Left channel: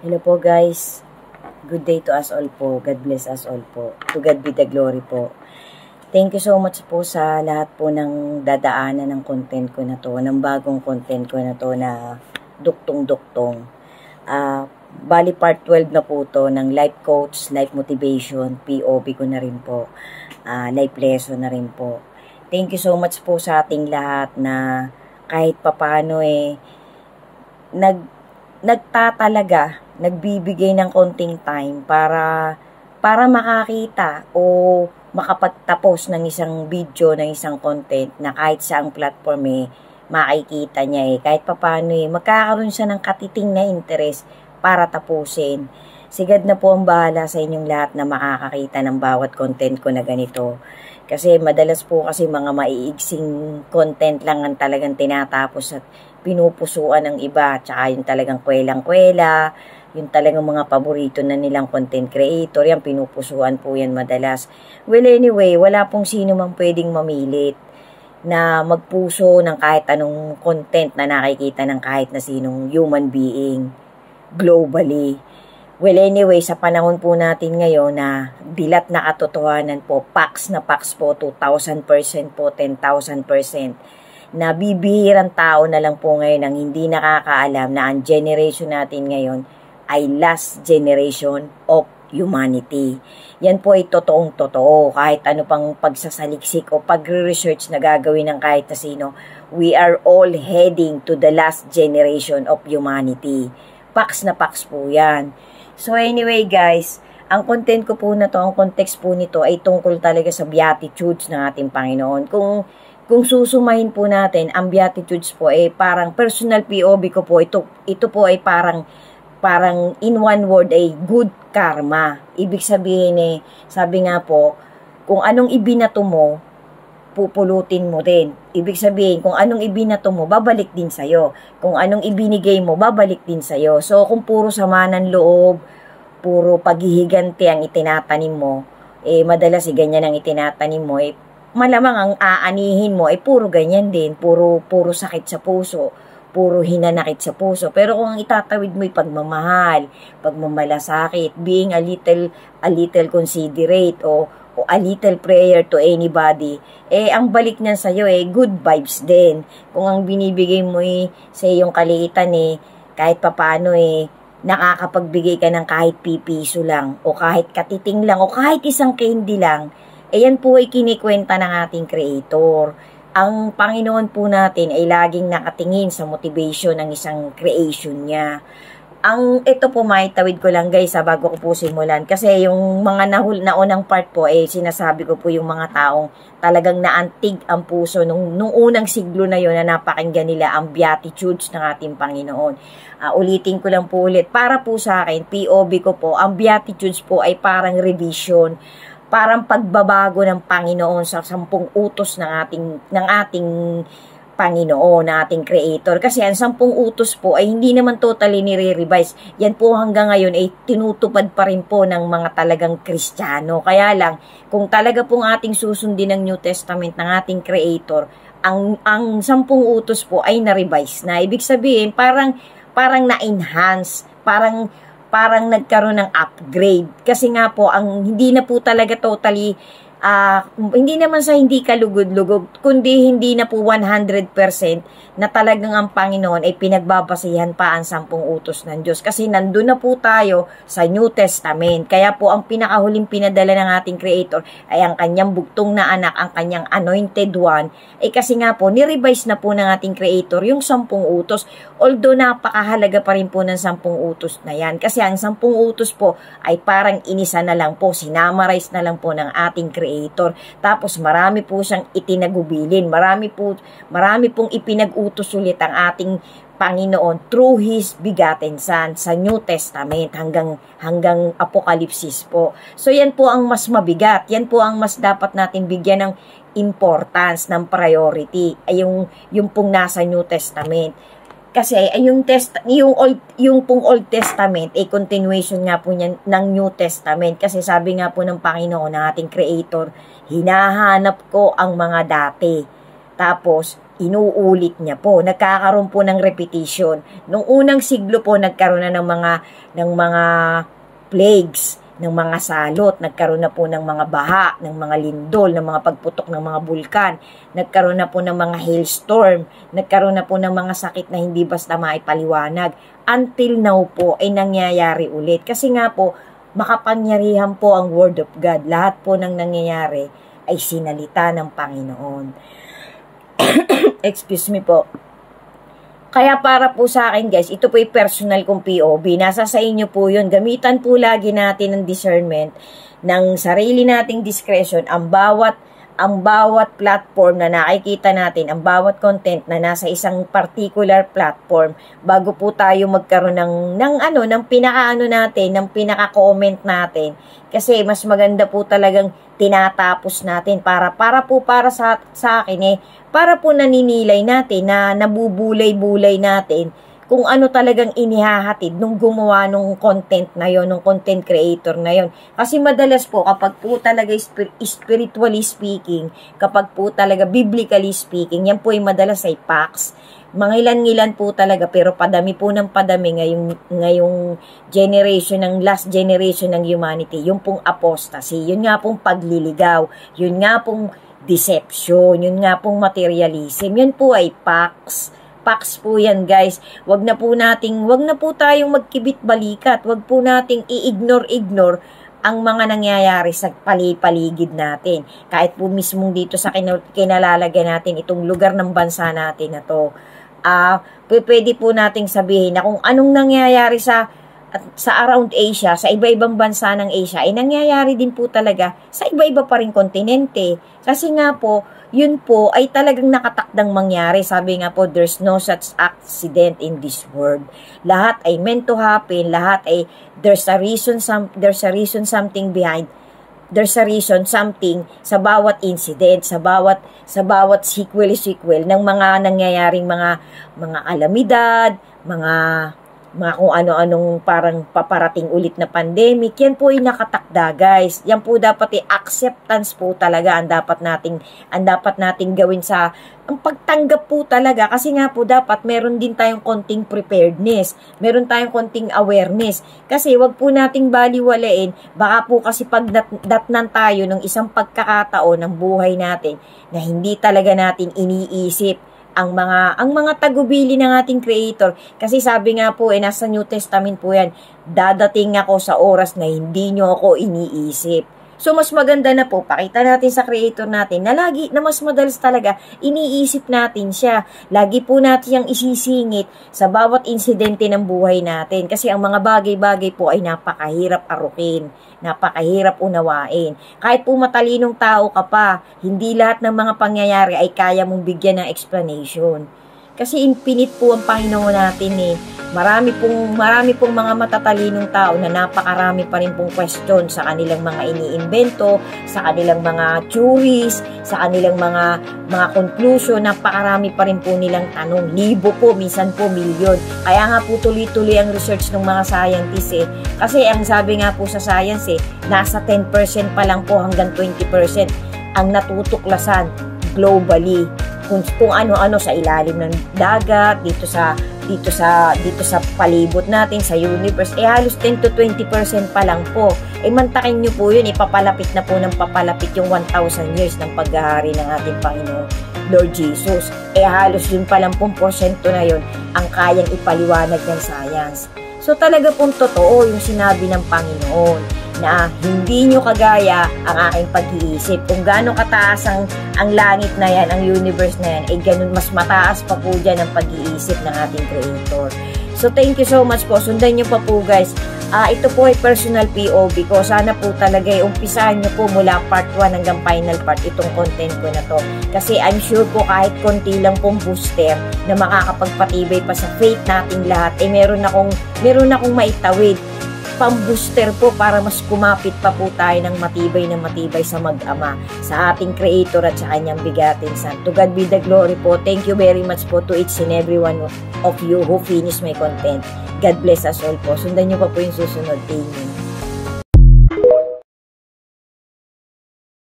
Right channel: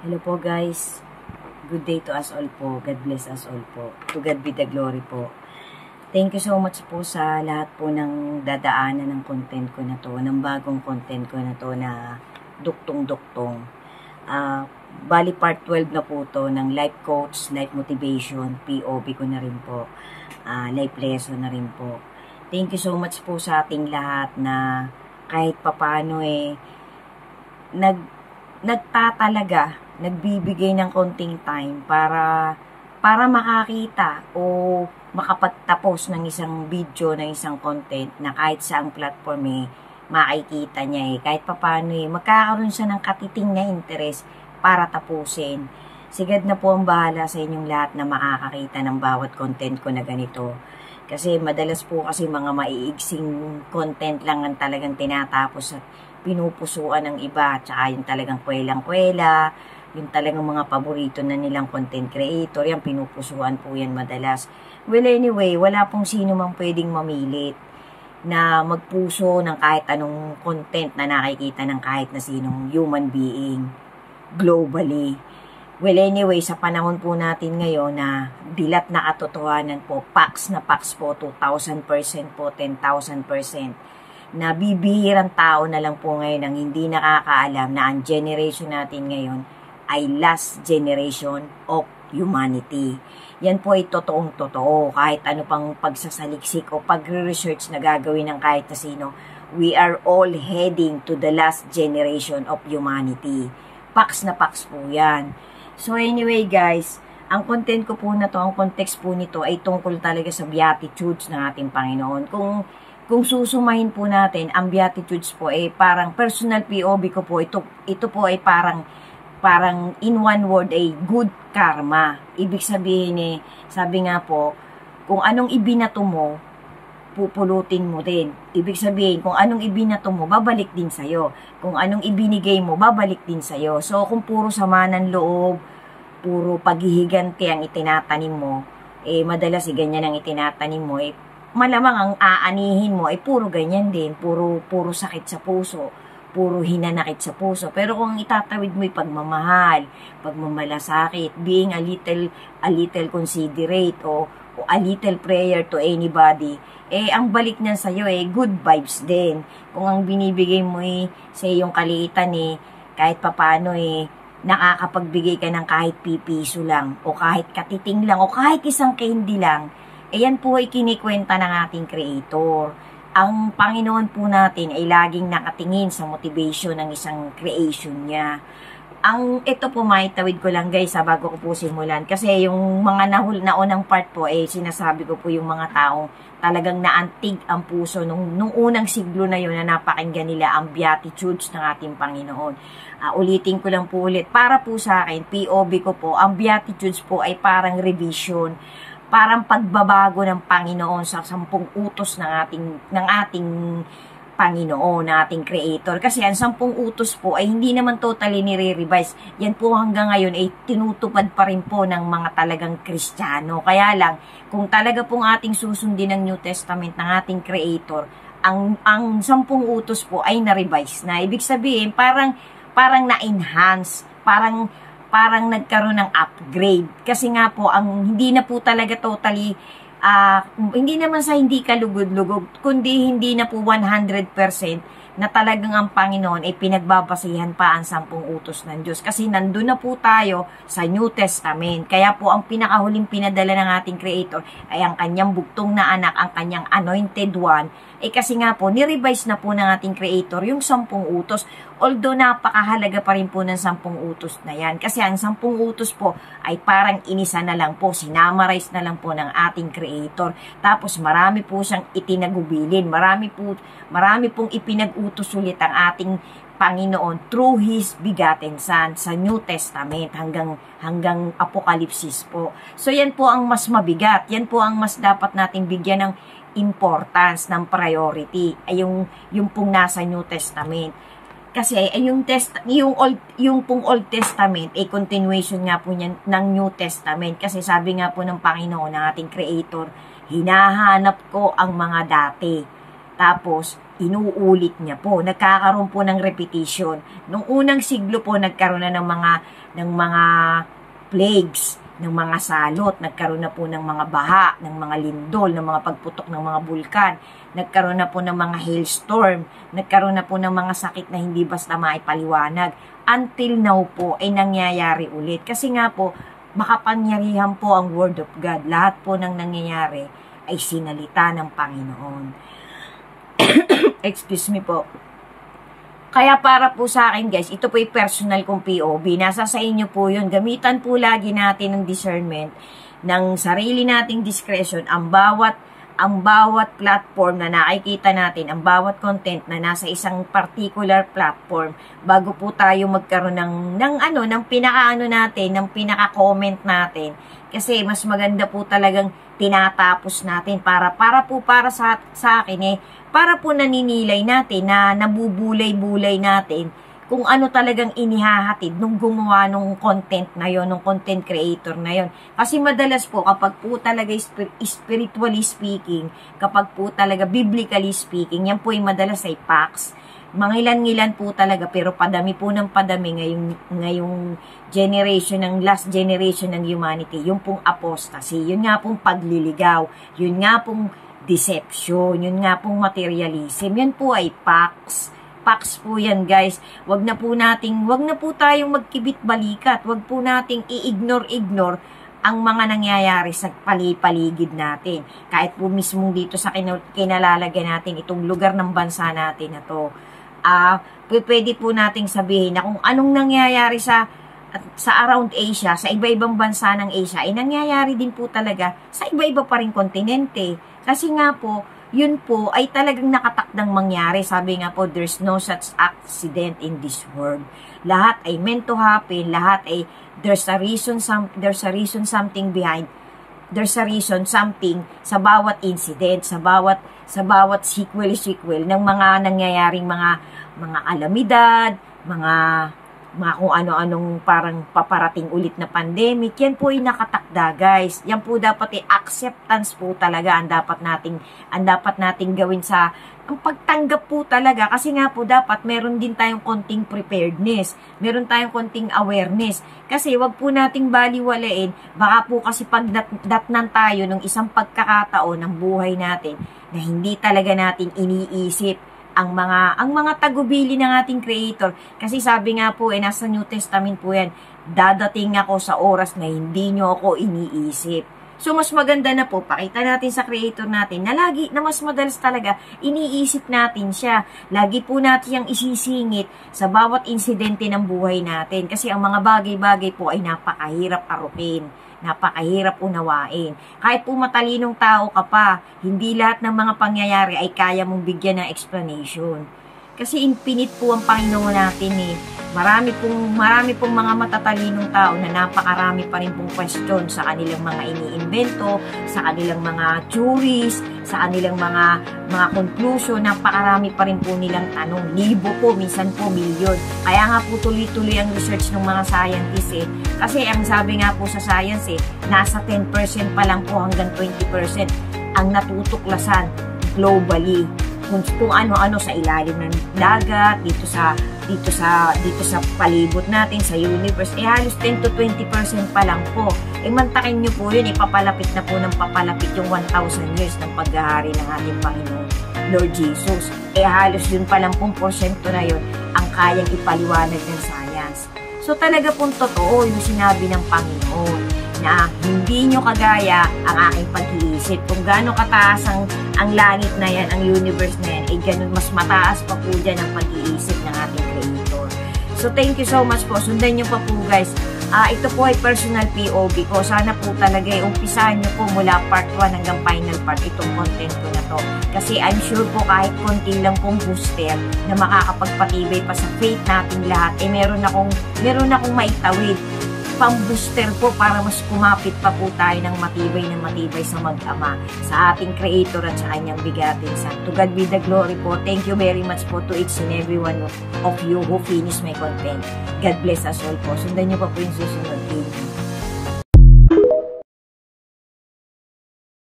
Hello po guys. Good day to us all po. God bless us all po. To God be the glory po. Thank you so much po sa lahat po ng dadaanan ng content ko na to, ng bagong content ko na to na duktong-duktong. Bali part 12 na po to ng life coach, life motivation, POV ko na rin po. Life lesson na rin po. Thank you so much po sa ating lahat na kahit papano nagtatalaga, nagbibigay ng konting time para makakita o makapagtapos ng isang video, ng isang content na kahit saang platform makikita niya kahit papano magkakaroon siya ng katiting na interest para tapusin. Sigad na po ang bahala sa inyong lahat na makakakita ng bawat content ko na ganito. Kasi madalas po kasi mga maiigsing content lang ang talagang tinatapos at pinupusuan ng iba. Tsaka yung talagang kwelang-kwela, yung talagang mga paborito na nilang content creator, yan pinupusuan po yan madalas. Well anyway, wala pong sino mang pwedeng mamilit na magpuso ng kahit anong content na nakikita ng kahit na sinong human being globally. Well anyway, sa panahon po natin ngayon na dilat na katotohanan po, facts na facts po, 2,000% po, 10,000%, na bibihirang tao na lang po ngayon ang hindi nakakaalam na ang generation natin ngayon ay last generation of humanity. Yan po ay totoong totoo. Kahit ano pang pagsasaliksik o pagre-research na gagawin ng kahit na sino, we are all heading to the last generation of humanity. Facts na facts po yan. So anyway guys, ang content ko po na to, ang context po nito ay tungkol talaga sa beatitudes ng ating Panginoon. Kung susumahin po natin, ang beatitudes po ay parang personal POV ko po, ito po ay parang in one word ay good karma. Ibig sabihin sabi nga po, kung anong ibinato mo, pupulutin mo din. Ibig sabihin, kung anong ibinato mo, babalik din sa'yo. Kung anong ibinigay mo, babalik din sa'yo. So, kung puro sama ng loob, puro paghihiganti ang itinatanim mo, madalas ganyan ang itinatanim mo, malamang ang aanihin mo, puro ganyan din. Puro sakit sa puso, puro hinanakit sa puso. Pero kung ang itatawid mo pagmamahal, pagmamalasakit, being a little considerate, o a little prayer to anybody, ang balik niyan sa'yo good vibes din. Kung ang binibigay mo sa iyong kaliitan kahit papano nakakapagbigay ka ng kahit pipiso lang, o kahit katiting lang, o kahit isang candy lang, yan po ay kinikwenta ng ating Creator. Ang Panginoon po natin ay laging nakatingin sa motivation ng isang creation niya. Ito po maitawid ko lang guys bago ko po simulan. Kasi yung mga naunang part po sinasabi ko po yung mga taong talagang naantig ang puso nung unang siglo na yun na napakinggan nila ang beatitudes ng ating Panginoon. Ulitin ko lang po ulit. Para po sa akin, POV ko po, ang beatitudes po ay parang revision, parang pagbabago ng Panginoon sa 10 utos ng ating Panginoon, na ating Creator. Kasi ang 10 utos po ay hindi naman totally nire-revise. Yan po hanggang ngayon tinutupad pa rin po ng mga talagang Kristiyano. Kaya lang, kung talaga pong ating susundin ng New Testament ng ating Creator, ang 10 utos po ay na-revise na. Ibig sabihin, parang na-enhance, parang nagkaroon ng upgrade. Kasi nga po, hindi na po talaga totally hindi naman sa hindi kalugod-lugod, kundi hindi na po 100% na talagang ang Panginoon ay pinagbabasihan pa ang 10 utos ng Diyos. Kasi nandun na po tayo sa New Testament. Kaya po ang pinakahuling pinadala ng ating Creator ay ang kanyang bugtong na anak, ang kanyang anointed one. Kasi nga po, nirevise na po ng ating Creator yung 10 utos. Although napakahalaga pa rin po ng 10 utos na yan. Kasi ang 10 utos po ay parang inisa na lang po, sinamarize na lang po ng ating Creator. Tapos marami po siyang itinagubilin. Marami pong ipinag-utos ulit ang ating Panginoon through His begotten Son sa New Testament hanggang Apokalipsis po. So yan po ang mas mabigat. Yan po ang mas dapat natin bigyan ng importance, ng priority. Yung pong nasa New Testament. Kasi yung pong Old Testament continuation nga po niyan ng New Testament. Kasi sabi nga po ng Panginoon, ng ating Creator, hinahanap ko ang mga dati. Tapos inuulit niya po. Nagkakaroon po ng repetition. Nung unang siglo po, nagkaroon na ng mga plagues, ng mga salot, nagkaroon na po ng mga baha, ng mga lindol, ng mga pagputok ng mga bulkan, nagkaroon na po ng mga hailstorm, nagkaroon na po ng mga sakit na hindi basta maipaliwanag. Until now po ay nangyayari ulit. Kasi nga po, makapangyarihan po ang Word of God. Lahat po ng nangyayari ay sinalita ng Panginoon. Excuse me po. Kaya para po sa akin guys, ito po yung personal kong POV. Nasa sa inyo po yun. Gamitan po lagi natin ng discernment, ng sarili nating discretion, ang bawat platform na nakikita natin, ang bawat content na nasa isang particular platform, bago po tayo magkaroon ng pinaka-ano natin, ng pinaka-comment natin. Kasi mas maganda po talagang tinatapos natin para sa akin para po naninilay natin, na nabubulay-bulay natin kung ano talagang inihahatid nung gumawa nung content na yon, nung content creator na yon. Kasi madalas po, kapag po talaga spiritually speaking, kapag po talaga biblically speaking, yan po ay madalas ay facts. Mangilan-ngilan po talaga, pero padami po ng padami ngayong generation, ng last generation ng humanity, yung pong apostasy, yun nga pong pagliligaw, yun nga pong deception, yun nga pong materialism, yun po ay facts. Facts po yan guys. Wag na po tayong magkibit-balikat. Wag po nating i-ignore ang mga nangyayari sa paligid natin. Kahit po mismong dito sa kinalalagyan natin, itong lugar ng bansa natin na to. Pwede po nating sabihin na kung anong nangyayari sa around Asia, sa iba-ibang bansa ng Asia, ay nangyayari din po talaga sa iba-iba pa rin kontinente. Kasi nga po, yun po ay talagang nakatakdang mangyari. Sabi nga po, there's no such accident in this world. Lahat ay meant to happen. Lahat ay there's a reason something behind. There's a reason something sa bawat incident, sa bawat sequel ng mga nangyayaring mga kalamidad, mga kung ano-anong parang paparating ulit na pandemic. Yan po ay nakatakda guys. Yan po dapat acceptance po talaga ang dapat nating gawin ang pagtanggap po talaga. Kasi nga po dapat meron din tayong konting preparedness, meron tayong konting awareness. Kasi wag po nating baliwalain, baka po kasi pagdatnan tayo ng isang pagkakataon ng buhay natin na hindi talaga natin iniisip ang mga tagubili ng ating creator. Kasi sabi nga po, nasa New Testament po yan, dadating ako sa oras na hindi nyo ako iniisip. So, mas maganda na po, pakita natin sa creator natin na mas madalas talaga, iniisip natin siya. Lagi po natin yung isisingit sa bawat insidente ng buhay natin. Kasi ang mga bagay-bagay po ay napakahirap arukin, napakahirap unawain. Kahit po matalinong tao ka pa, hindi lahat ng mga pangyayari ay kaya mong bigyan ng explanation. Kasi infinite po ang Panginoon natin Marami pong mga matatalinong tao na napakarami pa rin pong question sa kanilang mga iniimbento, sa kanilang mga theories, sa kanilang mga conclusion. Napakarami pa rin po nilang tanong. Libo po, minsan po milyon. Kaya nga po tuloy-tuloy ang research ng mga scientists Kasi ang sabi nga po sa science nasa 10% pa lang po hanggang 20% ang natutuklasan globally. Kung ano-ano sa ilalim ng dagat, dito sa palibot natin, sa universe, halos 10 to 20% pa lang po. Mantakin nyo po yun, papalapit na po ng papalapit yung 1,000 years ng paghahari ng ating Panginoon Lord Jesus. Halos yun pa lang pong porsyento na yun ang kayang ipaliwanag ng science. So talaga pong totoo yung sinabi ng Panginoon na hindi nyo kagaya ang aking pag-iisip. Kung gaano kataas ang langit na yan, ang universe na yan, ganun mas mataas pa po dyan ang pag-iisip ng ating Creator. So thank you so much po. Sundan nyo pa po guys. Ito po ay personal POV ko. Sana po talaga umpisahan nyo po mula part 1 hanggang final part itong content ko na to. Kasi I'm sure po kahit konti lang pong booster na makakapagpatibay pa sa faith nating lahat, meron akong maitawid pang-booster po para mas kumapit pa po tayo ng matibay sa mag-ama, sa ating Creator at sa kanyang bigatin Son. To God be the glory po. Thank you very much po to each and every one of you who finish my content. God bless us all po. Sundan nyo pa po yung susunod. Amen.